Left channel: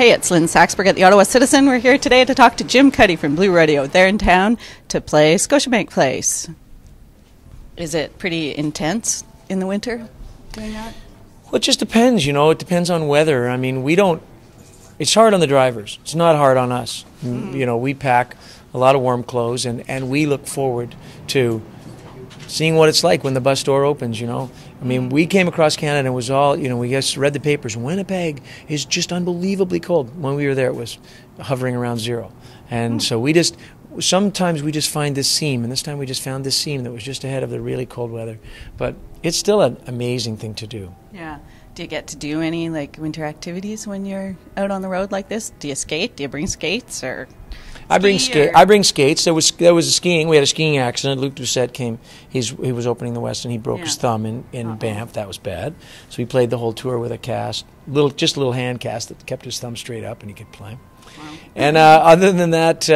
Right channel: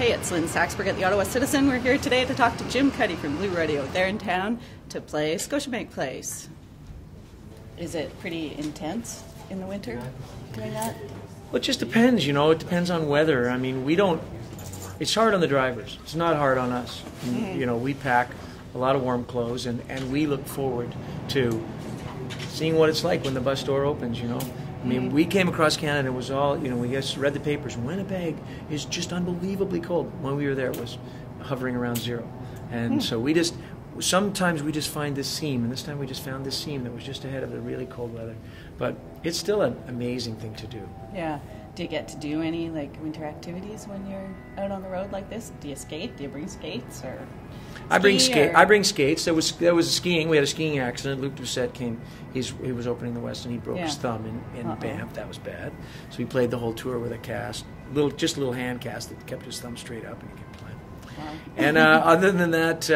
Hey, it's Lynn Saxberg at the Ottawa Citizen. We're here today to talk to Jim Cuddy from Rodeo. They're in town to play Scotiabank Place. Is it pretty intense in the winter doing that? Well, it just depends, you know. It depends on weather. I mean, we don't... It's hard on the drivers. It's not hard on us. You know, we pack a lot of warm clothes, and we look forward to seeing what it's like when the bus door opens, you know. I mean, we came across Canada and it was all, you know, we just read the papers. Winnipeg is just unbelievably cold. When we were there, it was hovering around 0. And so we just, sometimes we just find this seam, and this time we just found this seam that was just ahead of the really cold weather. But it's still an amazing thing to do. Yeah. Do you get to do any, like, winter activities when you're out on the road like this? Do you skate? Do you bring skates or... I bring skates. There was skiing. We had a skiing accident. Luc Doucette came. He was opening the West, and he broke his thumb in Banff. That was bad. So he played the whole tour with a cast, just a little hand cast that kept his thumb straight up, and he could play. Wow. And other than that,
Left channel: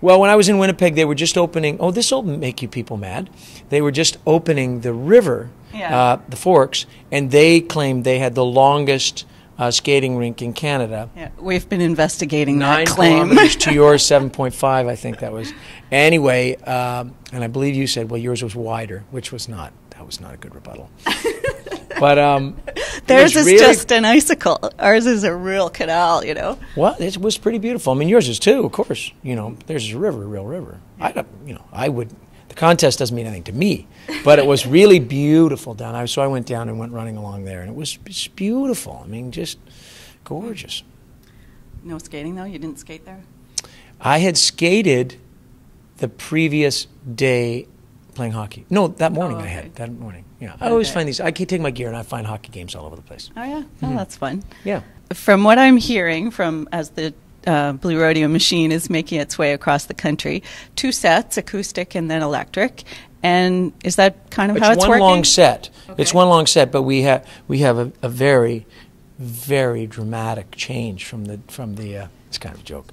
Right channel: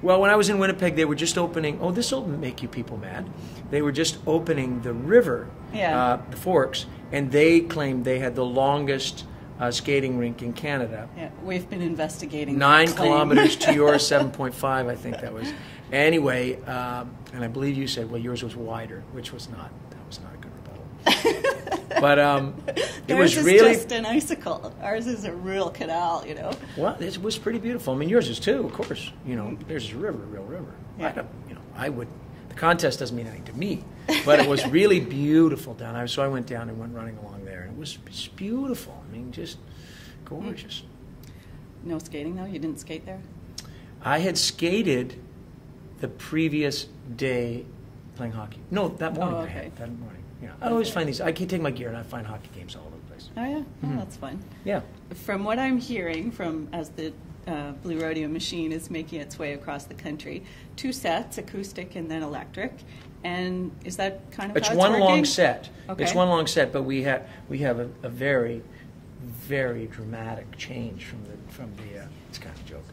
well, when I was in Winnipeg, they were just opening. Oh, this will make you people mad. They were just opening the river, the Forks, and they claimed they had the longest skating rink in Canada. Yeah, we've been investigating 9 that claim. kilometers to yours, 7.5, I think that was. Anyway, and I believe you said, well, yours was wider, which was not. That was not a good rebuttal. But theirs is really just an icicle. Ours is a real canal, you know. Well, it was pretty beautiful. I mean, yours is too, of course. You know, there's a river, a real river. Yeah. I would. The contest doesn't mean anything to me, but it was really beautiful down. So I went down and went running along there, and it was beautiful. I mean, just gorgeous. No skating though? You didn't skate there? I had skated the previous day playing hockey. No, that morning I had. That morning, yeah. I always find these. I can take my gear and I find hockey games all over the place. Oh yeah, oh, that's fun. Yeah. From what I'm hearing, from as the Blue Rodeo machine is making its way across the country, 2 sets, acoustic and then electric. And is that kind of how it's working? It's one long set. Okay. It's one long set, but we have a very, very dramatic change from the it's kind of a joke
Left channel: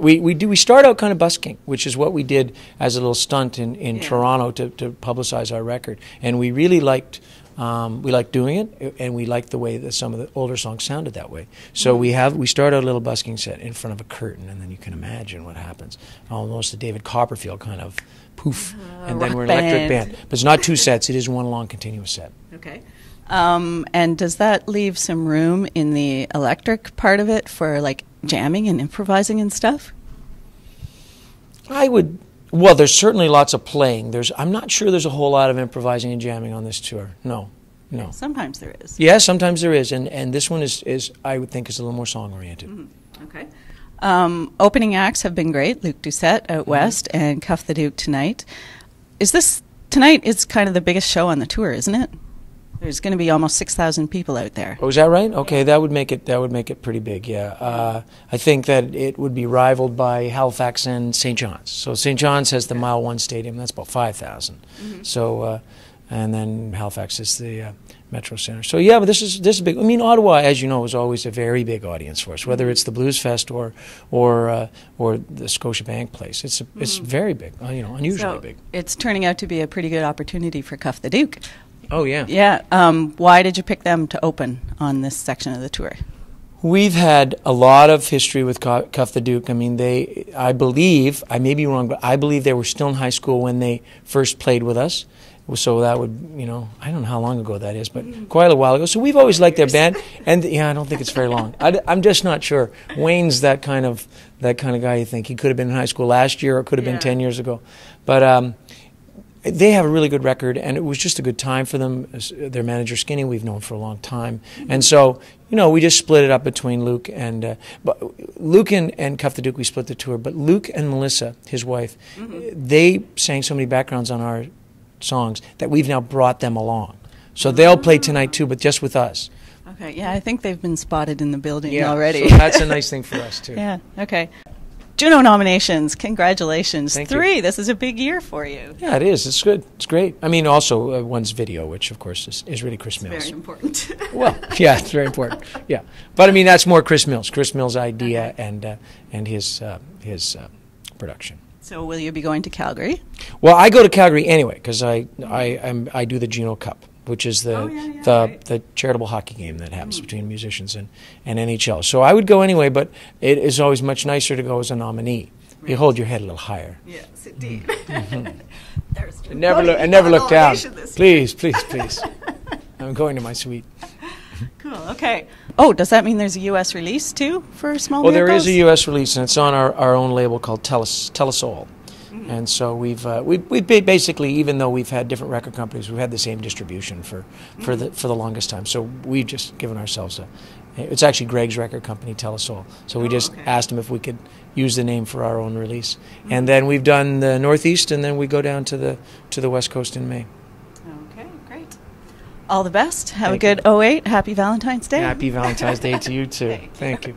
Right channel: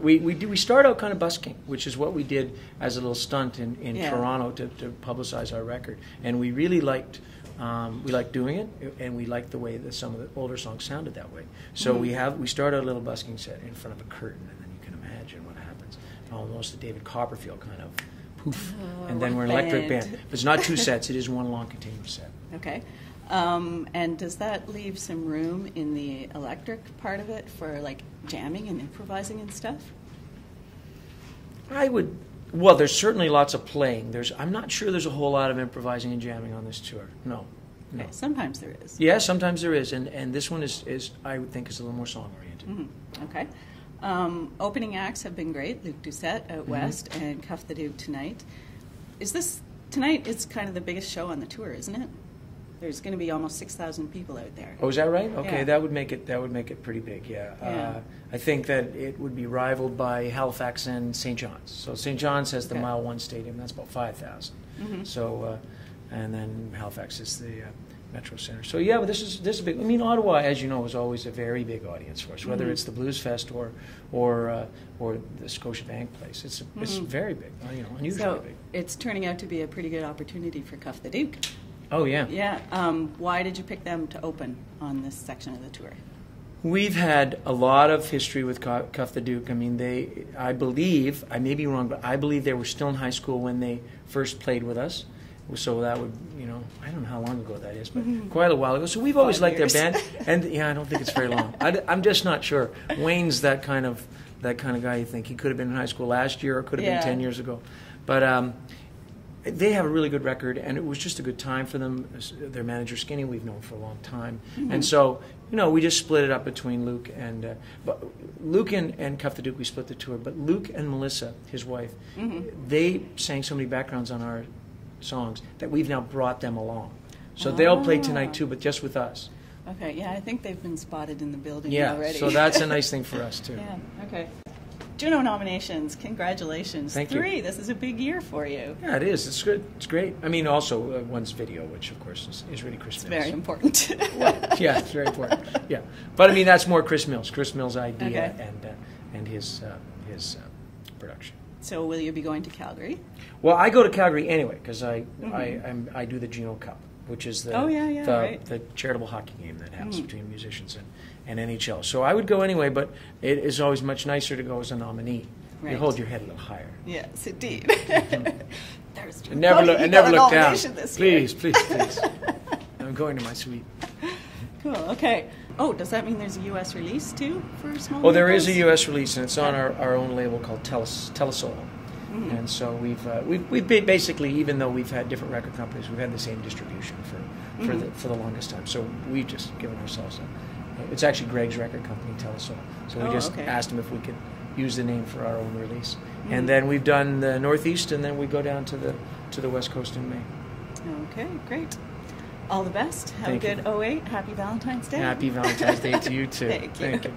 we start out kind of busking, which is what we did as a little stunt in Toronto to publicize our record, and we really liked. We liked doing it, and we liked the way that some of the older songs sounded that way. So we start out a little busking set in front of a curtain, and then you can imagine what happens. Almost a David Copperfield kind of poof, and then we're an electric band. But it's not 2 sets; it is one long continuous set. Okay. And does that leave some room in the electric part of it for like jamming and improvising and stuff? Well, there's certainly lots of playing. I'm not sure there's a whole lot of improvising and jamming on this tour. No. Sometimes there is. Yeah, sometimes there is, and this one is I would think is a little more song oriented. Mm-hmm. Okay. Opening acts have been great. Luc Doucette out west and Cuff the Duke tonight. Tonight is kind of the biggest show on the tour, isn't it? There's going to be almost 6,000 people out there. Oh, is that right? Okay, that would make it pretty big. Yeah, I think that it would be rivaled by Halifax and St. John's. So St. John's has the Mile 1 Stadium. That's about 5,000. Mm-hmm. So, and then Halifax is the Metro Center. So yeah, but this is big. I mean, Ottawa, as you know, is always a very big audience for us. Whether it's the Blues Fest or the Scotiabank Place, it's very big. You know, unusually big. It's turning out to be a pretty good opportunity for Cuff the Duke. Oh, yeah. Yeah. Why did you pick them to open on this section of the tour? We've had a lot of history with Cuff the Duke. I mean, I believe, I may be wrong, but I believe they were still in high school when they first played with us. So that would, you know, I don't know how long ago that is, but quite a while ago. So we've always liked their band. And, yeah, I don't think it's very long. I'm just not sure. Wayne's that kind of guy you think. He could have been in high school last year or could have been 10 years ago. But they have a really good record, and it was just a good time for them. Their manager, Skinny, we've known for a long time. And so, you know, we just split it up between Luc and Luc and Cuff the Duke, we split the tour. But Luc and Melissa, his wife, they sang so many backgrounds on our songs that we've now brought them along. So they'll play tonight, too, but just with us. Okay, yeah, I think they've been spotted in the building already. So that's a nice thing for us, too. Yeah, okay. Juno nominations, congratulations. Thank 3, you. This is a big year for you. Yeah, it is. It's good. It's great. I mean, also one's video, which of course is really Chris Mills. Very important. Well, yeah, it's very important. Yeah, but I mean that's more Chris Mills. Chris Mills' idea and his production. So will you be going to Calgary? Well, I go to Calgary anyway because I do the Juno Cup, which is the right. the charitable hockey game that happens between musicians and NHL. So I would go anyway, but it is always much nicer to go as a nominee. Right. You hold your head a little higher. Yes, indeed. There's I never look down. Please. I'm going to my suite. Cool. Okay. Oh, does that mean there's a U.S. release too for Small Well, Miracles? there is a U.S. release, and it's on our own label called Telesol. And so we've basically, even though we've had different record companies, we've had the same distribution for the longest time. So we've just given ourselves it's actually Greg's record company, Telesol. So we just asked him if we could use the name for our own release. And then we've done the Northeast, and then we go down to the West Coast in May. Okay, great. All the best. Have a good 08. Happy Valentine's Day. Happy Valentine's Day to you too. Thank you. Thank you.